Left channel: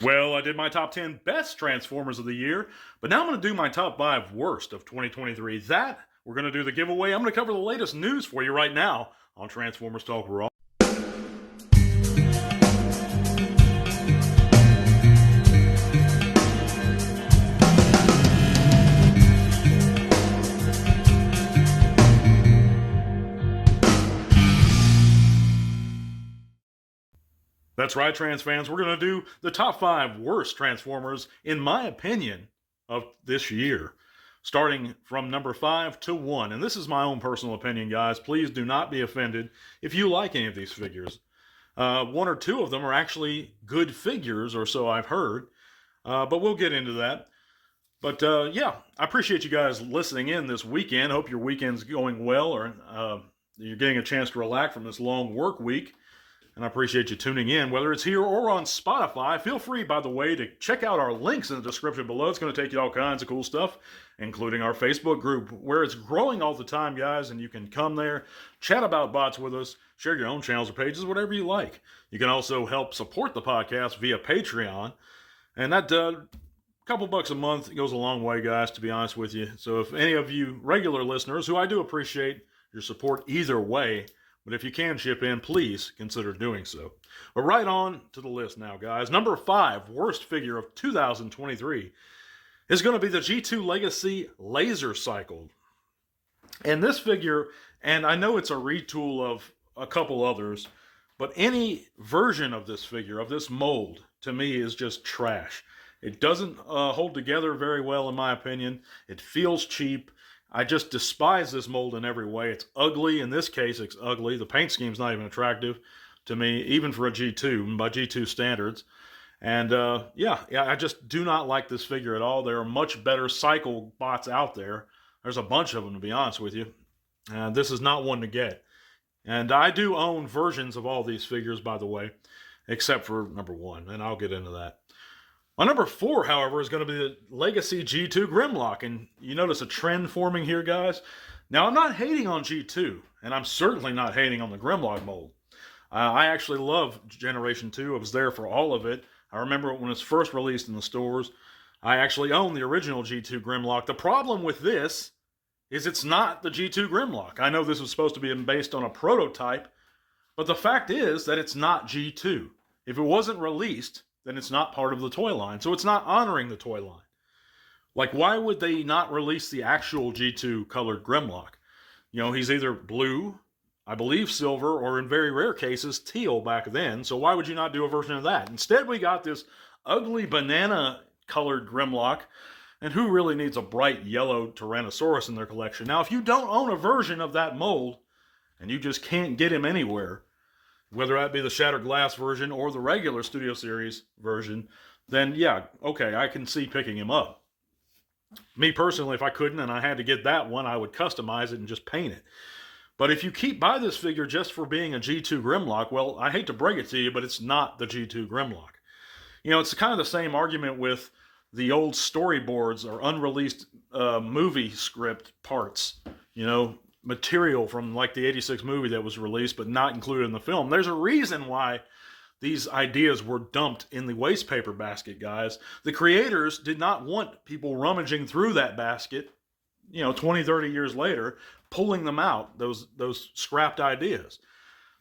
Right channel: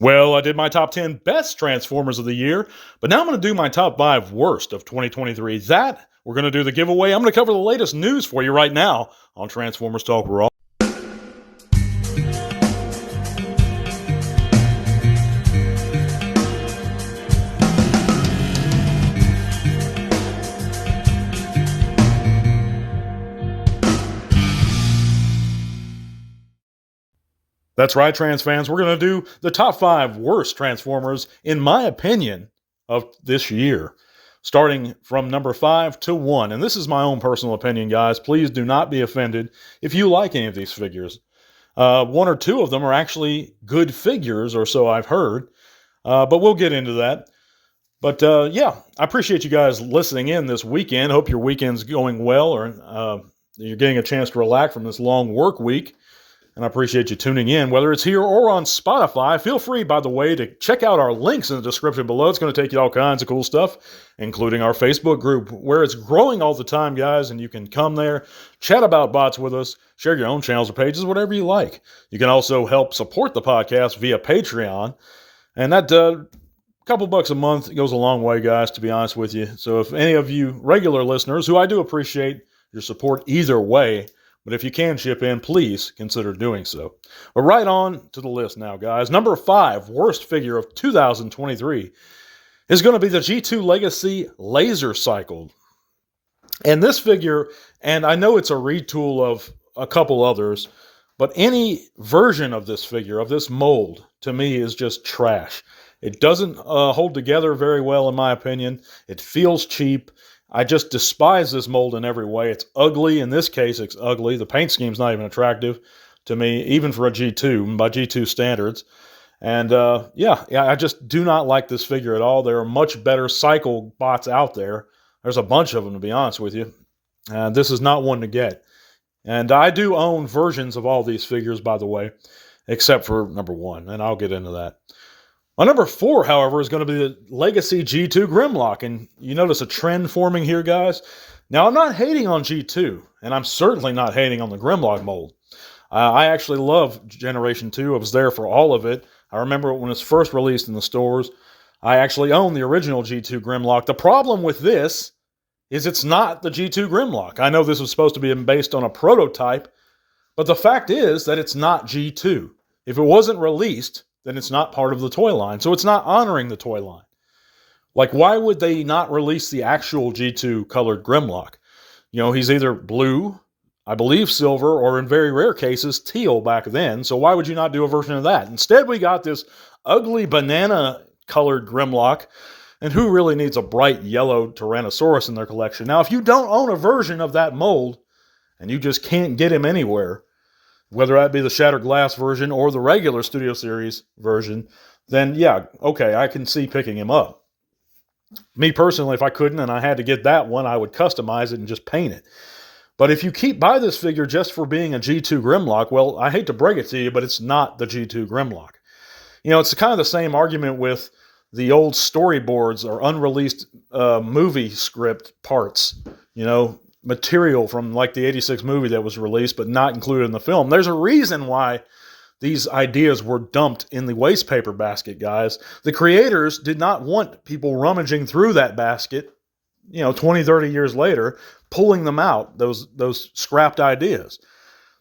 Well, I did my top 10 best Transformers of the year, but now I'm going to do my top 5 worst of 2023. We're going to do the giveaway. I'm going to cover the latest news for you right now on Transformers Talk Raw. That's right, Trans fans. We're going to do the top 5 worst Transformers, in my opinion, of this year, starting from number 5 to 1. And this is my own personal opinion, guys. Please do not be offended if you like any of these figures. One or two of them are actually good figures, or so I've heard. But we'll get into that. But yeah, I appreciate you guys listening in this weekend. Hope your weekend's going well, or you're getting a chance to relax from this long work week. And I appreciate you tuning in, whether it's here or on Spotify. Feel free, by the way, to check out our links in the description below. It's going to take you all kinds of cool stuff, including our Facebook group, where it's growing all the time, guys, and you can come there, chat about bots with us, share your own channels or pages, whatever you like. You can also help support the podcast via Patreon, and that couple bucks a month goes a long way, guys, to be honest with you. So if any of you regular listeners, who I do appreciate your support either way, but if you can chip in, please consider doing so. But right on to the list now, guys. Number 5 worst figure of 2023 is going to be the G2 Legacy Laser Cycle. And this figure, and I know it's a retool of a couple others, but any version of this figure, of this mold, to me is just trash. It doesn't hold together very well, in my opinion. It feels cheap. I just despise this mold in every way. It's ugly. In this case, it's ugly. The paint scheme's not even attractive to me, even for a G2, by G2 standards. And yeah, I just do not like this figure at all. There are much better cycle bots out there. There's a bunch of them, to be honest with you. This is not one to get. And I do own versions of all these figures, by the way, except for number 1, and I'll get into that. My number 4, however, is going to be the Legacy G2 Grimlock. And you notice a trend forming here, guys. Now, I'm not hating on G2, and I'm certainly not hating on the Grimlock mold. I actually love Generation 2. I was there for all of it. I remember when it was first released in the stores. I actually own the original G2 Grimlock. The problem with this is it's not the G2 Grimlock. I know this was supposed to be based on a prototype, but the fact is that it's not G2. If it wasn't released, then it's not part of the toy line. So it's not honoring the toy line. Like, why would they not release the actual G2 colored Grimlock? You know, he's either blue, I believe silver, or in very rare cases, teal back then. So why would you not do a version of that? Instead, we got this ugly banana colored Grimlock. And who really needs a bright yellow Tyrannosaurus in their collection? Now, if you don't own a version of that mold, and you just can't get him anywhere, whether that be the Shattered Glass version or the regular Studio Series version, then yeah, okay, I can see picking him up. Me personally, if I couldn't and I had to get that one, I would customize it and just paint it. But if you buy this figure just for being a G2 Grimlock, well, I hate to break it to you, but it's not the G2 Grimlock. You know, it's kind of the same argument with the old storyboards or unreleased movie script parts, you know, material from like the 86 movie that was released but not included in the film. There's a reason why these ideas were dumped in the waste paper basket, guys. The creators did not want people rummaging through that basket, you know, 20, 30 years later, pulling them out, those scrapped ideas.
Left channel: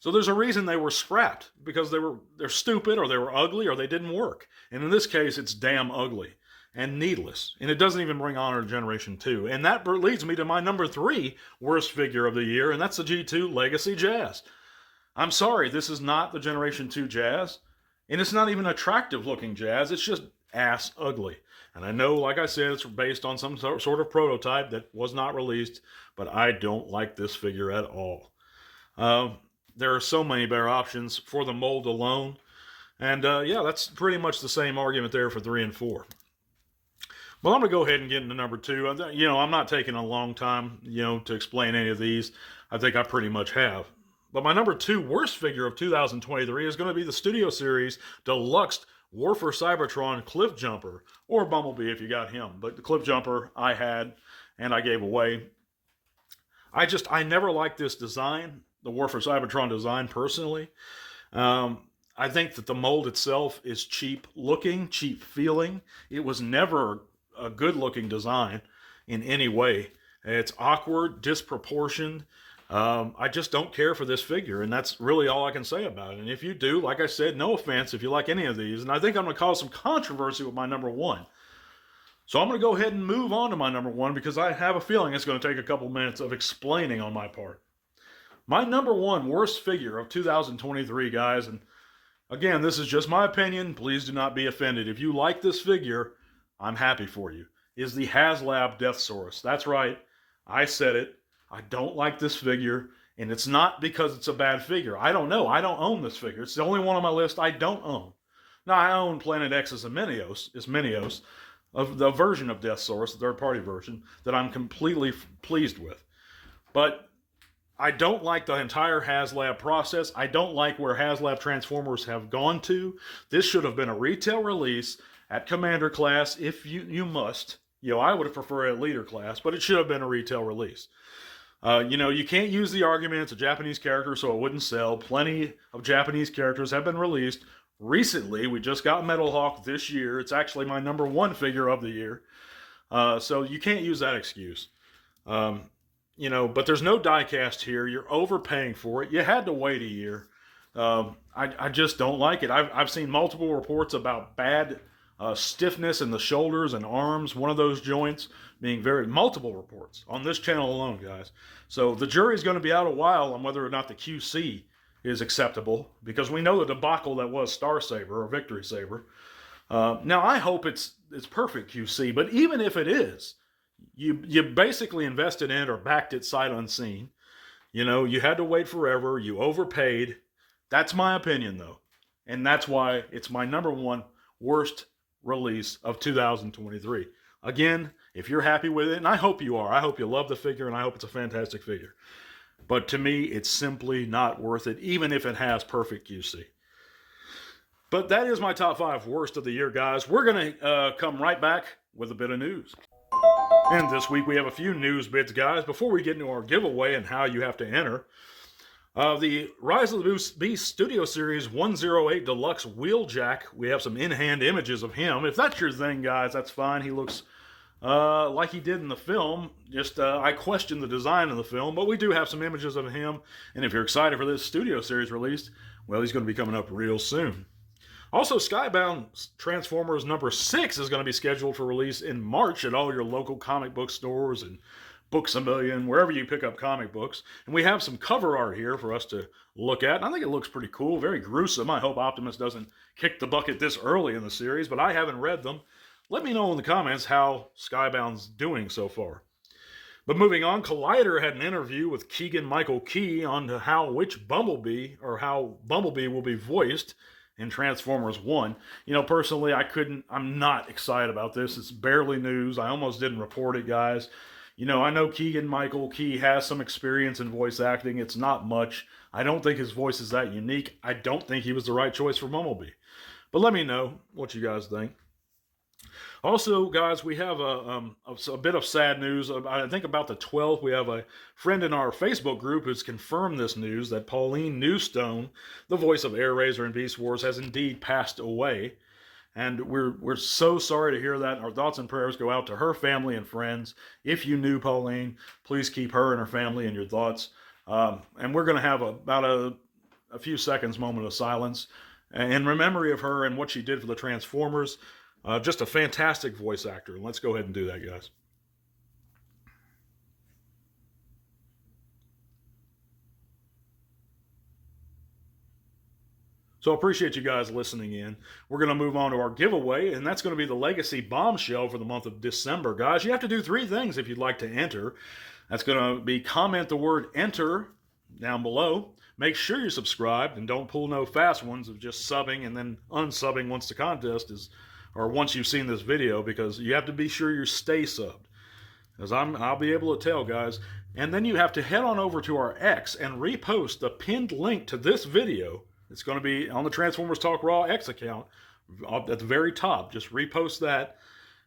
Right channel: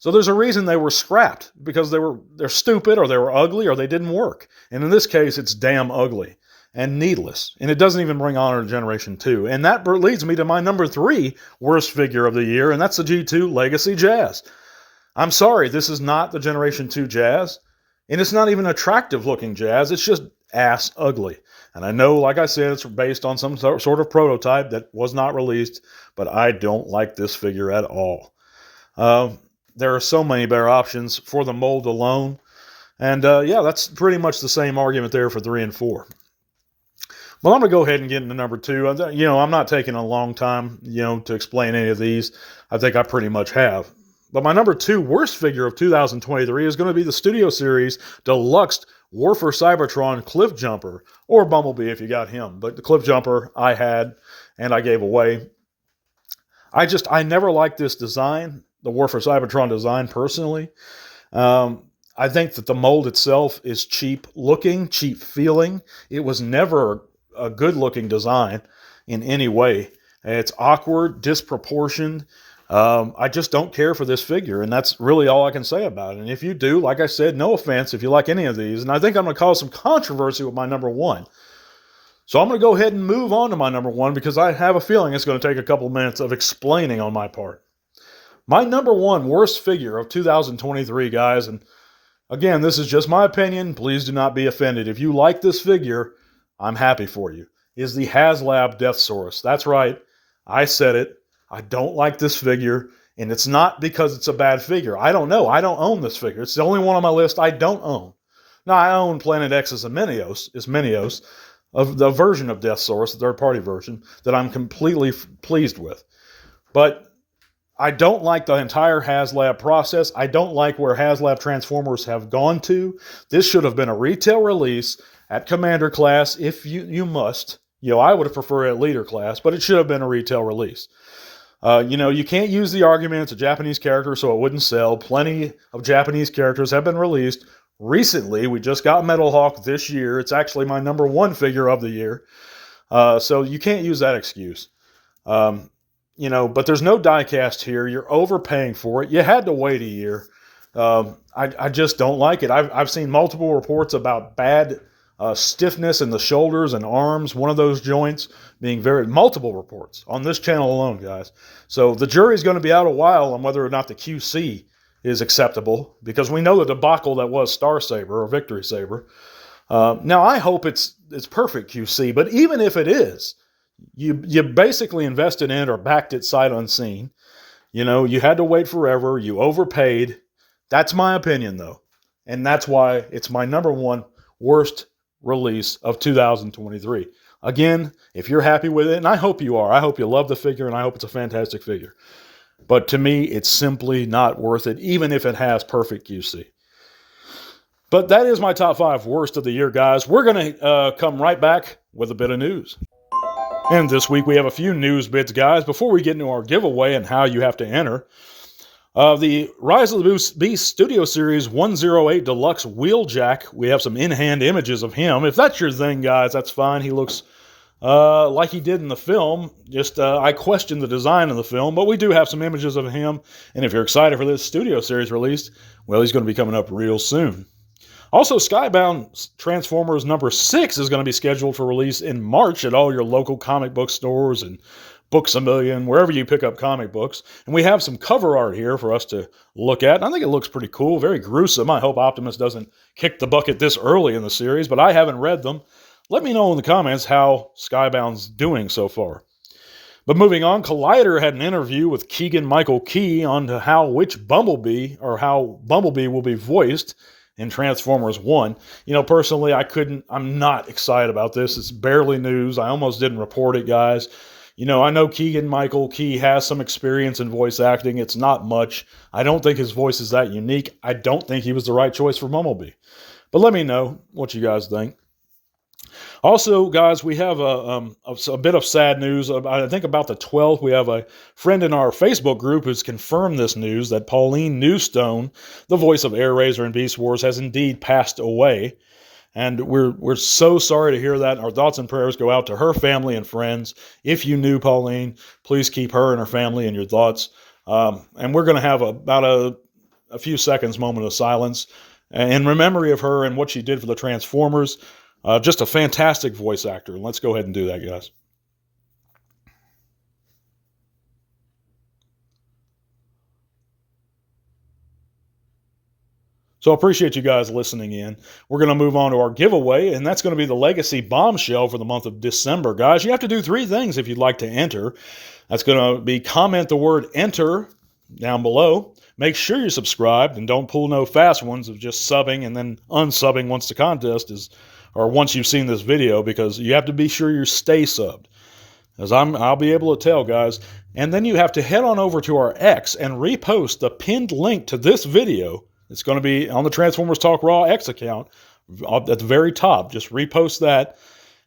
So there's a reason they were scrapped, because they're stupid, or they were ugly, or they didn't work. And in this case, it's damn ugly and needless. And it doesn't even bring honor to Generation 2. And that leads me to my number 3 worst figure of the year, and that's the G2 Legacy Jazz. I'm sorry, this is not the Generation 2 Jazz, and it's not even attractive looking Jazz. It's just ass ugly. And I know, like I said, it's based on some sort of prototype that was not released, but I don't like this figure at all. There are so many better options for the mold alone. And yeah, that's pretty much the same argument there for 3 and 4. Well, I'm going to go ahead and get into number 2. You know, I'm not taking a long time, you know, to explain any of these. I think I pretty much have. But my number 2 worst figure of 2023 is going to be the Studio Series Deluxe War for Cybertron Cliff Jumper, or Bumblebee if you got him. But the Cliff Jumper I had and I gave away. I never liked this design, the War for Cybertron design, personally. I think that the mold itself is cheap looking, cheap feeling. It was never a good looking design in any way. It's awkward, disproportioned. I just don't care for this figure, and that's really all I can say about it. And if you do, like I said, no offense if you like any of these, and I think I'm going to cause some controversy with my number one. So I'm going to go ahead and move on to my number one because I have a feeling it's going to take a couple minutes of explaining on my part. My number one worst figure of 2023, guys, and again, this is just my opinion. Please do not be offended. If you like this figure, I'm happy for you, is the HasLab Deathsaurus. That's right. I said it. I don't like this figure, and it's not because it's a bad figure. I don't know. I don't own this figure. It's the only one on my list I don't own. Now, I own Planet X's Minios, of the version of Deathsaurus, the third-party version, that I'm completely pleased with. But I don't like the entire HasLab process. I don't like where HasLab Transformers have gone to. This should have been a retail release at Commander class if you must. I would have preferred a leader class, but it should have been a retail release. You can't use the argument it's a Japanese character, so it wouldn't sell. Plenty of Japanese characters have been released. Recently, we just got Metal Hawk this year. It's actually my number one figure of the year. So you can't use that excuse. But there's no die-cast here. You're overpaying for it. You had to wait a year. I just don't like it. I've seen multiple reports about bad stiffness in the shoulders and arms, one of those joints being multiple reports on this channel alone, guys. So the jury's going to be out a while on whether or not the QC is acceptable, because we know the debacle that was Star Saber or Victory Saber. Now, I hope it's perfect QC, but even if it is, you basically invested in it or backed it sight unseen. You had to wait forever. You overpaid. That's my opinion, though. And that's why it's my number one worst release of 2023. Again, if you're happy with it, and I hope you are, I hope you love the figure, and I hope it's a fantastic figure. But to me, it's simply not worth it, even if it has perfect QC. But that is my top 5 worst of the year, guys. We're going to come right back with a bit of news. And this week we have a few news bits, guys. Before we get into our giveaway and how you have to enter, the Rise of the Beast Studio Series 108 Deluxe Wheeljack, we have some in-hand images of him. If that's your thing, guys, that's fine. He looks like he did in the film. Just I question the design of the film, but we do have some images of him. And if you're excited for this Studio Series release, well, he's going to be coming up real soon. Also, Skybound Transformers number 6 is going to be scheduled for release in March at all your local comic book stores and Books A Million, wherever you pick up comic books. And we have some cover art here for us to look at. And I think it looks pretty cool, very gruesome. I hope Optimus doesn't kick the bucket this early in the series, but I haven't read them. Let me know in the comments how Skybound's doing so far. But moving on, Collider had an interview with Keegan-Michael Key on how Bumblebee will be voiced in Transformers 1. Personally, I'm not excited about this. It's barely news. I almost didn't report it, guys. I know Keegan-Michael Key has some experience in voice acting. It's not much. I don't think his voice is that unique. I don't think he was the right choice for Bumblebee. But let me know what you guys think. Also, guys, we have a bit of sad news. I think about the 12th, we have a friend in our Facebook group who's confirmed this news that Pauline Newstone, the voice of Air Razor and Beast Wars, has indeed passed away. And we're so sorry to hear that. Our thoughts and prayers go out to her family and friends. If you knew Pauline, please keep her and her family in your thoughts. And we're going to have about a few seconds moment of silence in memory of her and what she did for the Transformers. Just a fantastic voice actor. Let's go ahead and do that, guys. So I appreciate you guys listening in. We're going to move on to our giveaway, and that's going to be the Legacy Bombshell for the month of December. Guys, you have to do 3 things if you'd like to enter. That's going to be comment the word enter down below. Make sure you're subscribed, and don't pull no fast ones of just subbing and then unsubbing once the contest is, or once you've seen this video, because you have to be sure you stay subbed. As I'll be able to tell, guys. And then you have to head on over to our X and repost the pinned link to this video. It's going to be on the Transformers Talk Raw X account at the very top. Just repost that.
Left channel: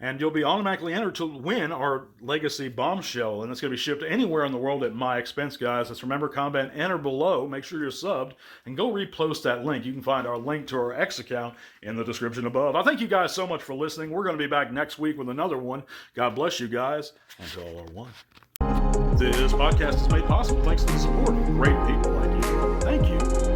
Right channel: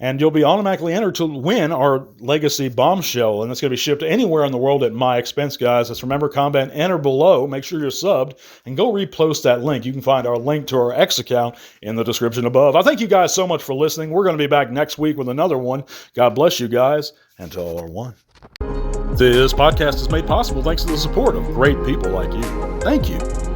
and you'll be automatically entered to win our Legacy Bombshell, and it's going to be shipped anywhere in the world at my expense, guys. Let's remember, comment, enter below, make sure you're subbed, and go repost that link. You can find our link to our X account in the description above. I thank you guys so much for listening. We're going to be back next week with another one. God bless you guys, and to all are one. This podcast is made possible thanks to the support of great people like you. Thank you.